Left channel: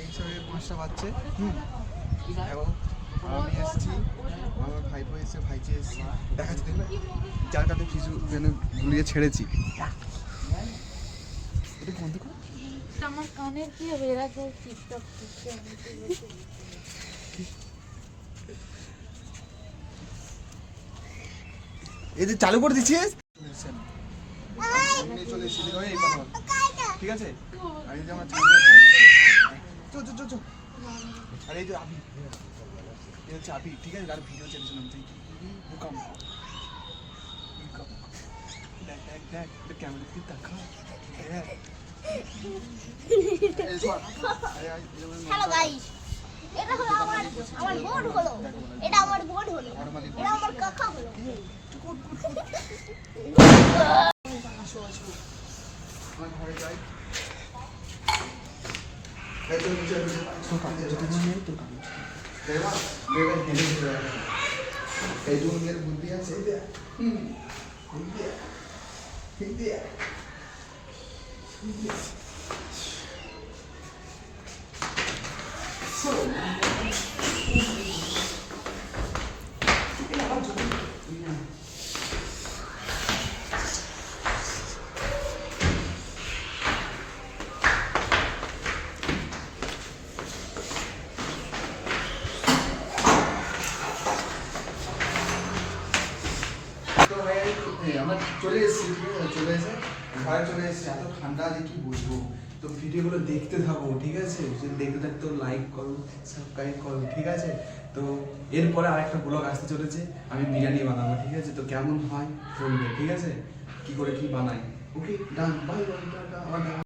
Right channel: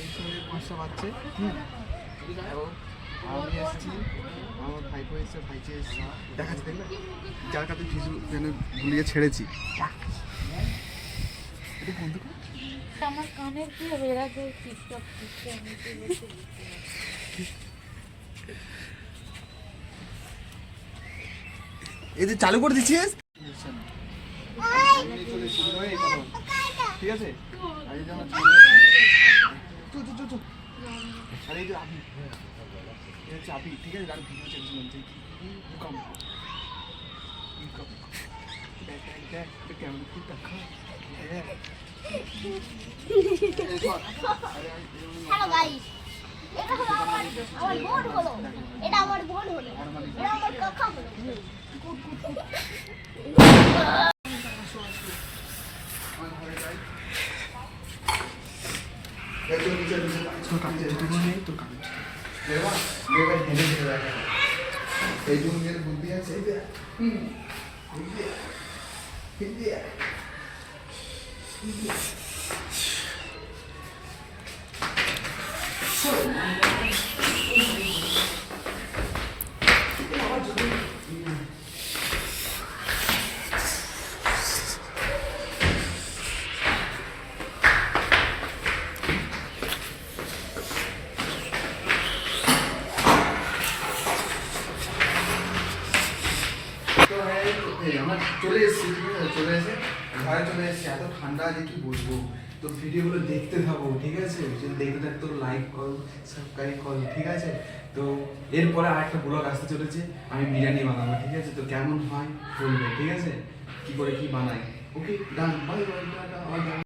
এই সবে 5টা বাজছে। এবং আমি এসেছি, আমার ভাইপো এসছে, ভাইকে এসেছি দেখাচ্ছি, দেখবে যার কাছে কিছু জন্য গুলিয়ে ছেড়েছি। এটা বন্ধ কর। আমার কানের কি হবে, এরা তো টিকটক করছে। এই যে চালু করে দিচ্ছিস, চলে এসেছি, এই কথা বল, ঠিক আছে? আর এই যে আমার চো চো চো চো, আর এই যে আবি, এই হচ্ছে আবি, ঠিক আছে? আর ভিডিও চেয়েছিলাম যে ভূকম্প, দেখ দেখ দেখ, এটা কেমন কি দেখা, হ্যালো গাইস, এটা হলো আমার বোন হলো, এটা আমার বোন হলো, এটা আমার কাকা হলো। এই জুনের বুদ্ধি আছে, আমরা চলে এসেছি, ঠিক আছে? চলে এসে ঘরে চলে এসেছি, এত ঠান্ডা যে কি বলবো। তো ভিডিওগুলো দেখতে থাকো, ঠিক আছে? যদি দেখতে থাকো তো লাইক করো, সাবস্ক্রাইব করো, ঠিক আছে? তো এরপরে আরেকটা ব্লগ আসতে চলেছে, আমি বিরিয়ানি বানাবো, ঠিক আছে? তো কেমন হয় বলবে, ঠিক আছে? কি করে কি বানাই, ওকে ডান, বাই বাই, টাটা।